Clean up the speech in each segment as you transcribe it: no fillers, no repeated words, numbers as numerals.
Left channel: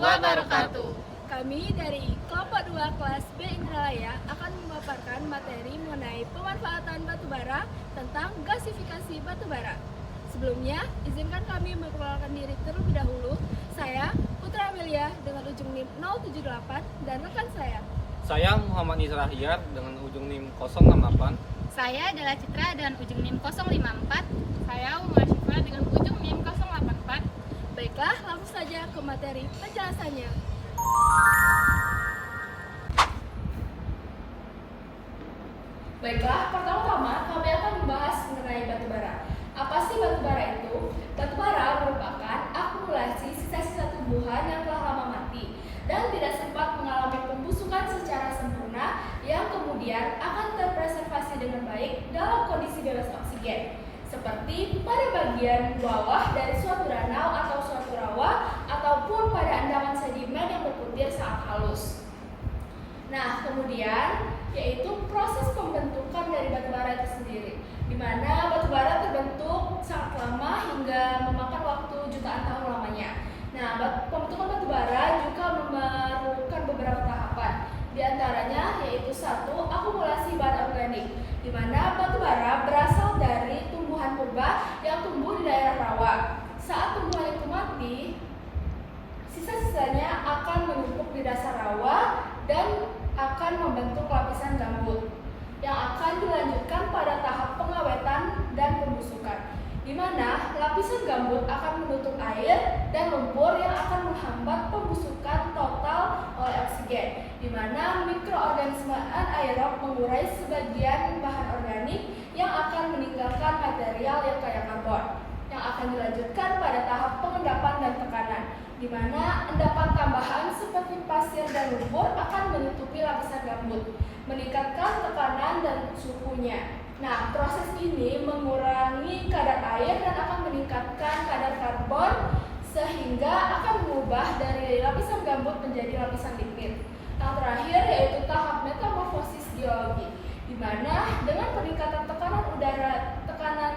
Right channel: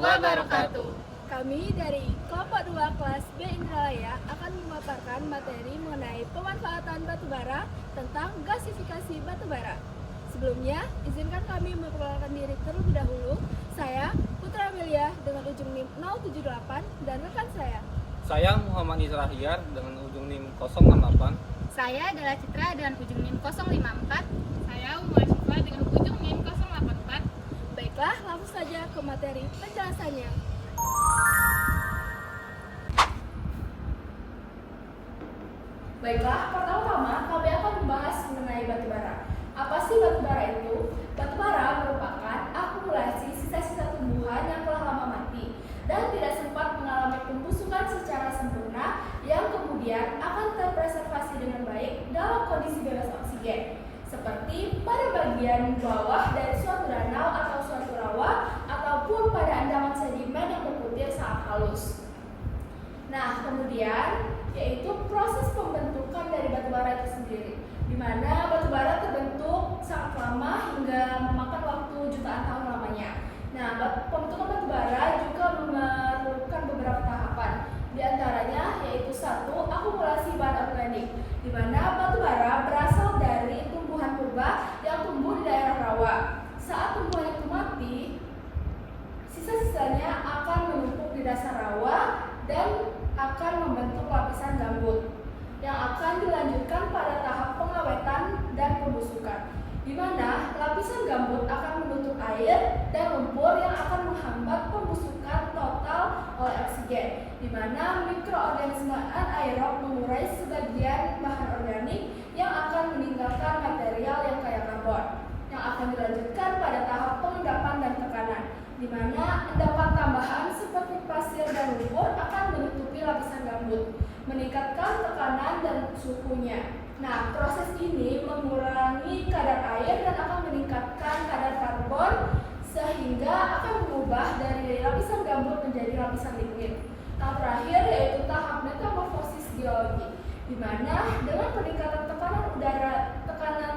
wabarakatuh. Kami dari kelompok 2 kelas B Indralaya akan memaparkan materi mengenai pemanfaatan batubara tentang gasifikasi batubara. Sebelumnya, izinkan kami memperkenalkan diri terlebih dahulu. Saya Putra Amelia dengan ujung NIM 078 dan rekan Saya Muhammad Nizar Ahyar dengan ujung NIM 068. Saya adalah Citra dengan ujung NIM 054. Saya Umar Syifa dengan ujung NIM 084. Baiklah, langsung saja ke materi penjelasannya. Baiklah, pertama-tama kami akan membahas mengenai batubara. Apa sih batubara itu? Batubara merupakan akumulasi sisa-sisa tumbuhan yang telah lama mati dan tidak sempat mengalami pembusukan secara sempurna yang kemudian akan terpreservasi dengan baik dalam kondisi bebas oksigen, seperti pada bagian bawah dari suatu danau atau suatu rawa ataupun pada endapan sedimen yang berputir sangat halus. Nah, kemudian yaitu proses pembentukan dari batubara itu sendiri, di mana batubara terbentuk sangat lama hingga memakan waktu jutaan tahun lamanya. Nah, pembentukan batubara juga memerlukan beberapa tahapan. Di antaranya yaitu 1. Akumulasi bahan organik, di mana batubara berasal dari tumbuhan purba yang tumbuh di daerah rawa. Saat tumbuhan itu mati, sisa-sisanya akan menumpuk di dasar rawa dan akan membentuk lapisan gambut yang akan dilanjutkan pada tahap pengawetan dan pembusukan, di mana lapisan gambut akan menutup air dan lumpur yang akan menghambat pembusukan total oleh oksigen, di mana mikroorganisme anaerob mengurai sebagian bahan organik yang akan meninggalkan material yang kaya karbon, yang akan dilanjutkan pada tahap pengendapan dan tekanan, di mana endapan tambahan seperti pasir dan lumpur akan menutupi lapisan gambut, meningkatkan tekanan dan suhunya. Nah, proses ini mengurangi kadar air dan akan meningkatkan kadar karbon sehingga akan mengubah dari lapisan gambut menjadi lapisan liquid. Yang terakhir yaitu tahap metamorfosis geologi, di mana dengan peningkatan tekanan udara, tekanan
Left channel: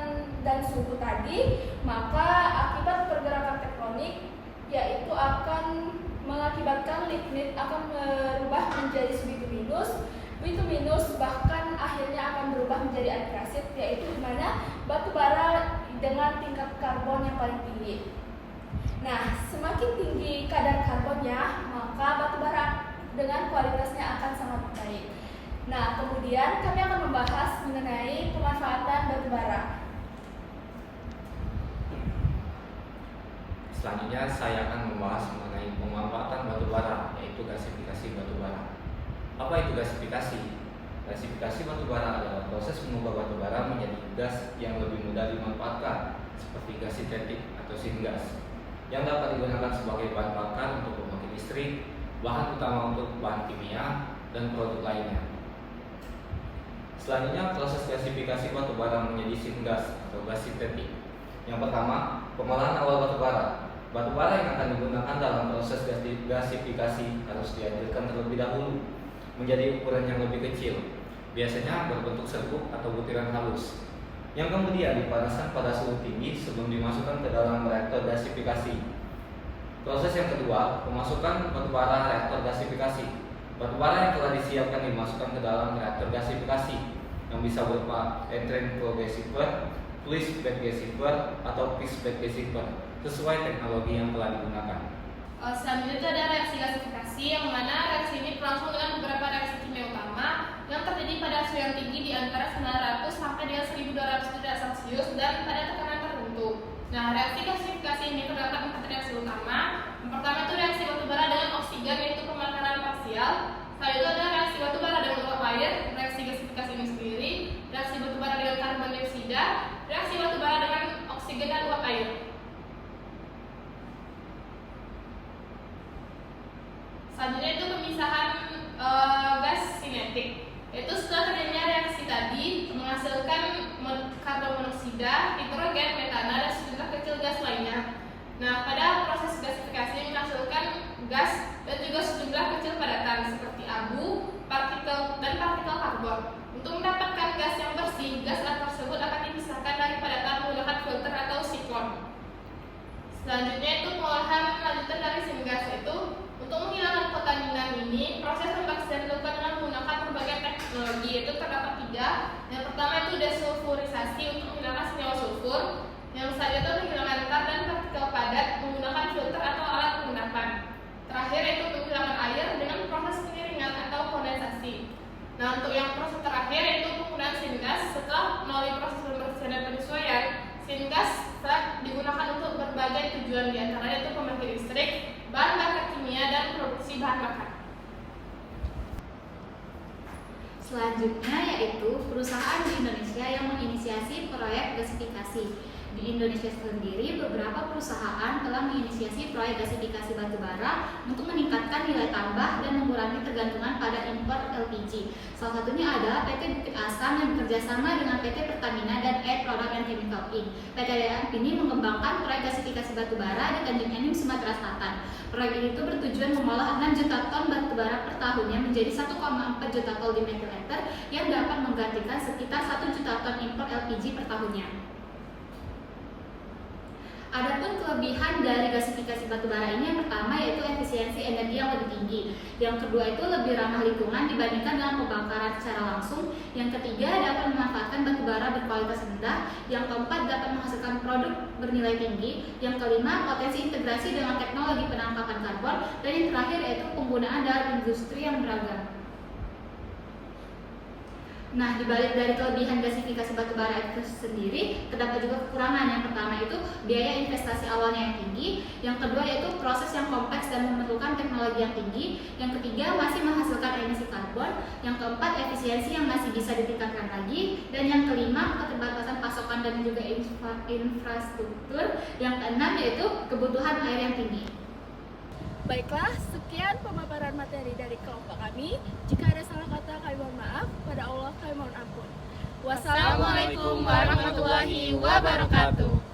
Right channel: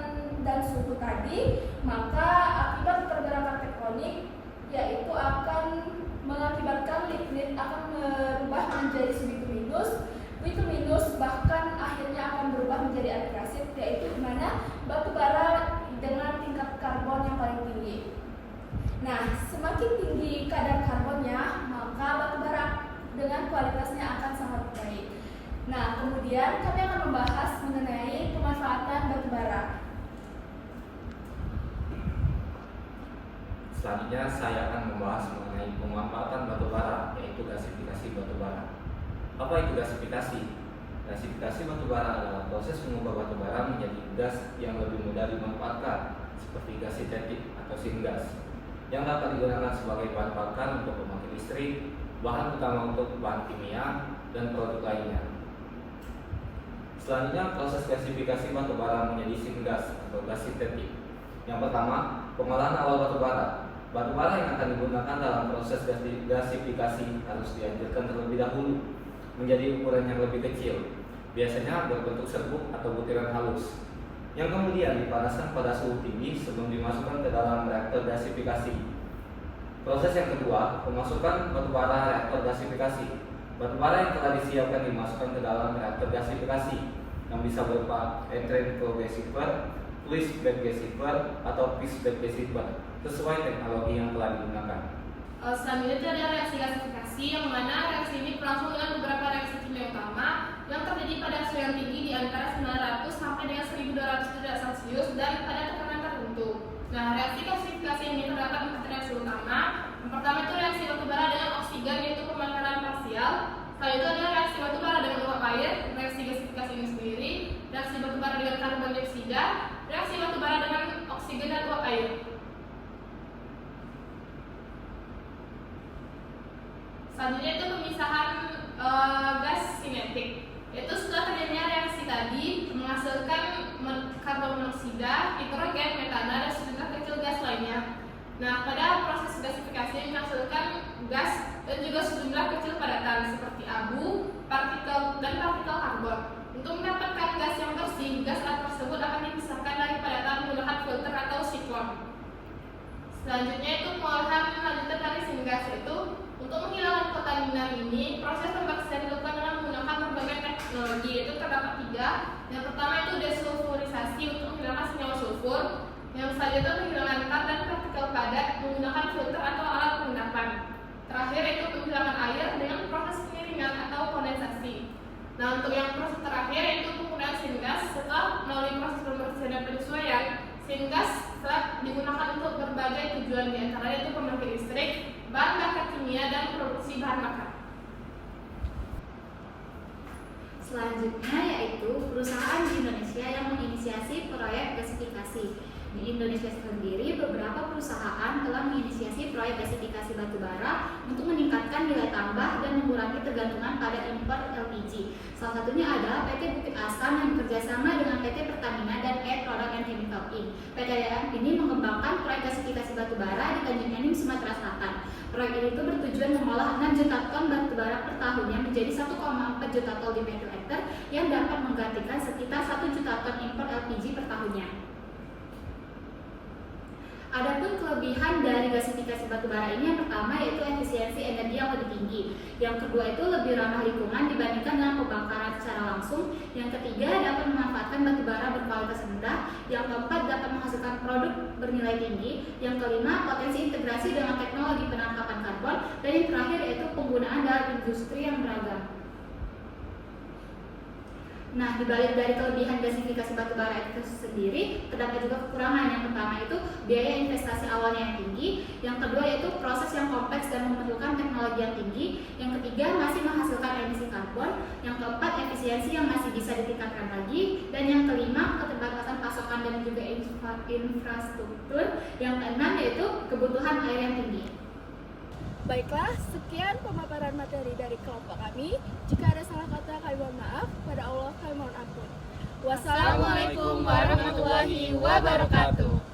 dan suhu tadi, maka akibat pergerakan tektonik yaitu akan mengakibatkan lignit akan berubah menjadi bituminus, bahkan akhirnya akan berubah menjadi antrasit, yaitu di mana batu bara dengan tingkat karbon yang paling tinggi. Nah, semakin tinggi kadar karbonnya, maka batu bara dengan kualitasnya akan sangat baik. Nah, kemudian kami akan membahas mengenai pemanfaatan batu bara. Selanjutnya saya akan membahas mengenai pemanfaatan batubara, yaitu gasifikasi batubara. Apa itu gasifikasi? Gasifikasi batubara adalah proses mengubah batubara menjadi gas yang lebih mudah dimanfaatkan, seperti gas sintetik atau syngas, yang dapat digunakan sebagai bahan bakar untuk pembangkit listrik, bahan utama untuk bahan kimia, dan produk lainnya. Selanjutnya, proses gasifikasi batubara menjadi syngas atau gas sintetik. Yang pertama, pengolahan awal batubara. Batubara yang akan digunakan dalam proses gasifikasi harus dihancurkan terlebih dahulu menjadi ukuran yang lebih kecil, biasanya berbentuk serbuk atau butiran halus, yang kemudian dipanaskan pada suhu tinggi sebelum dimasukkan ke dalam reaktor gasifikasi. Proses yang kedua, pemasukan batubara reaktor gasifikasi. Batubara yang telah disiapkan dimasukkan ke dalam reaktor gasifikasi yang bisa berupa entrant flow gasifier, fluid bed gasifier, atau fixed bed gasifier sesuai teknologi yang telah digunakan. Selanjutnya itu ada reaksi gasifikasi, yang mana reaksi ini berlangsung dengan beberapa reaksi kimia utama yang terjadi pada suhu yang tinggi di antara 900 sampai dengan 1200 derajat Celcius dan pada tekanan tertentu. Nah, reaksi gasifikasi ini terdapat 4 reaksi utama. Yang pertama itu reaksi batubara dengan oksigen, yaitu pembakaran parsial. Selanjutnya ada reaksi batubara dengan uap air, reaksi gasifikasi ini sendiri, reaksi batubara dengan karbon dioksida, reaksi batubara dengan oksigen dan uap air. Selanjutnya itu pemisahan gas sinetik, yaitu setelah terjadinya reaksi tadi menghasilkan karbon monoksida, hidrogen, metana, dan sejumlah kecil gas lainnya. Nah, pada proses gasifikasi menghasilkan gas dan juga sejumlah kecil padatan seperti abu, partikel karbon. Untuk mendapatkan gas yang bersih, gas tersebut akan dipisahkan dari padatan menggunakan filter atau siklon. Selanjutnya itu pengolahan lanjutan dari syngas, yaitu ini, proses pembakaran dilakukan dengan menggunakan berbagai teknologi, yaitu terdapat 3. Yang pertama itu desulfurisasi untuk menghilangkan senyawa sulfur. Yang selanjutnya itu menghilangkan tar dan partikel padat menggunakan filter atau alat pengendapan. Terakhir itu penghilanggan air dengan proses pengiringan atau kondensasi. Nah, untuk yang proses terakhir yaitu penggunaan syngas. Setelah melalui proses pembersihan dan penyesuaian, syngas digunakan untuk berbagai tujuan, diantaranya itu pembangkit listrik, bahan bakar kimia, dan produksi bahan bakar. Selanjutnya yaitu perusahaan di Indonesia yang menginisiasi proyek gasifikasi. Di Indonesia sendiri, beberapa perusahaan telah menginisiasi proyek gasifikasi batubara untuk meningkatkan nilai tambah dan mengurangi ketergantungan pada impor LPG. Salah satunya adalah PT Bukit Asam yang bekerjasama dengan PT Pertamina dan Air Product and Chemical Inc. PT AF ini mengembangkan proyek gasifikasi batubara di Tanjung Enim, Sumatera Selatan. Proyek ini bertujuan mengolah 6 juta ton batubara per tahunnya menjadi 1,4 juta ton di metric liter yang dapat menggantikan sekitar 1 juta ton impor LPG per tahunnya. Adapun kelebihan dari gasifikasi batubara ini, yang pertama yaitu efisiensi energi yang lebih tinggi. Yang kedua itu lebih ramah lingkungan dibandingkan dengan pembakaran secara langsung. Yang ketiga dapat memanfaatkan batubara berkualitas rendah. Yang keempat dapat menghasilkan produk bernilai tinggi. Yang kelima potensi integrasi dengan teknologi penangkapan karbon. Dan yang terakhir yaitu penggunaan dalam industri yang beragam. Nah, dibalik dari kelebihan gasifikasi batubara itu sendiri, terdapat juga kekurangan. Yang pertama itu biaya investasi awalnya yang tinggi. Yang kedua yaitu proses yang kompleks dan memerlukan teknologi yang tinggi. Yang ketiga masih menghasilkan emisi karbon. Yang keempat efisiensi yang masih bisa ditingkatkan lagi. Dan yang kelima keterbatasan pasokan dan juga infrastruktur. Yang keenam yaitu kebutuhan air yang tinggi. Baiklah, sekian pemaparan materi dari kelompok kami. Jika ada salah kata, kami mohon maaf. Pada Allah, kami mohon ampun. Wassalamualaikum warahmatullahi wabarakatuh.